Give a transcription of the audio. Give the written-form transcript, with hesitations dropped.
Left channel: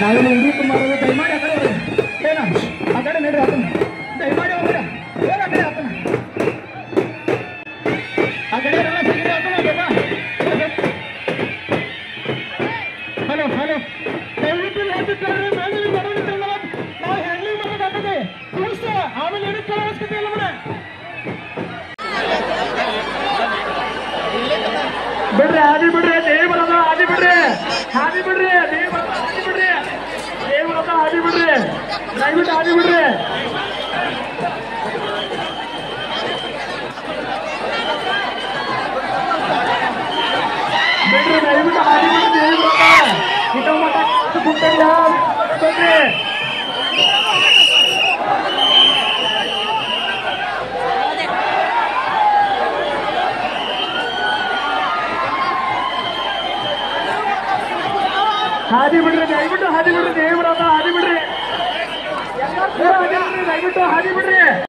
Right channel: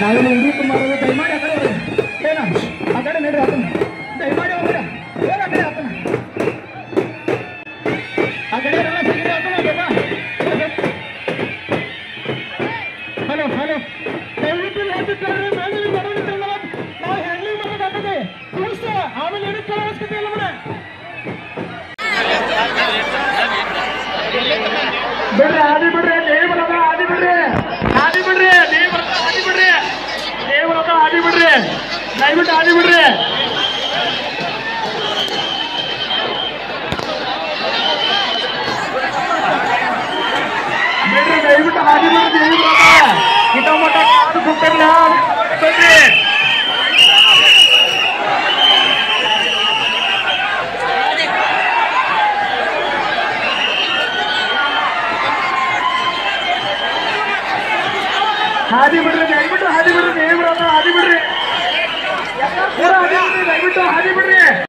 ನಾವೆಲ್ಲ ಹುಡುಕು ಮಾಡೋದು ದಯಮಾಡಿ ಆ ಕಡೆ ಹೋಗಿ ಏನ ಆ ಕಡೆ ನಡ್ರಿ ಆತನ ದಯಮಾಡಿ ಹೋಗ್ಬೇಡ ಹೋಗ ಆ ಕಡೆ ಆತನ ಆ ಕಡೆ ಎಲ್ಲ ಸಿಗದೆ ಆತನ ಹಲೋ ಹಲೋ ದಯವಿಟ್ಟು ಹೇಳ್ತಿದ್ದಾರೆ ಮೇಲೆ ಬರೋದಿಲ್ಲ ನಾವು ಹ್ಯಾಂಡ್ಲಿಂಗ್ ಮಾಡೋದಾಗ್ತದೆ ಕೂರ್ಸ ಆಮೇಲೆ ಏನಕ್ಕೆ ಅವಶ್ಯಕತೆ ಇಲ್ಲ ಮನೆ ಬಿಡ್ರಿ ಆದಿ ಬಿಡ್ರಿ ದೇವರದ ಆದಿ ಬಿಡ್ರಿ ಆದಿ ಬಿಡ್ರಿ ದೇವರದ ಆದಿ ಬಿಡ್ರಿ ದೇವರದ ಆದಿ ಬಿಡ್ರಿ ದಯವಿಟ್ಟು ಆದಿ ಬಿಡ್ರಿ ಬಿಡ್ರಿ ದಯವಿಟ್ಟು ಆದಿ ಬಿಡ್ರಿ ದೇವರದ ಕಿಟಮಟ ಅದು ಕೊಟ್ಟಿಲ್ಲ ಬಿಡ್ರಿ ಹಾದಿ ಬಿಡ್ರಿ ದಯವಿಟ್ಟು ಹಾದಿ ಬಿಡ್ರಿ ದೇವರದ ಹಾದಿ ಬಿಡ್ರಿ ದಯವಿಟ್ಟು ಹಾದಿ ಬಿಡ್ರಿ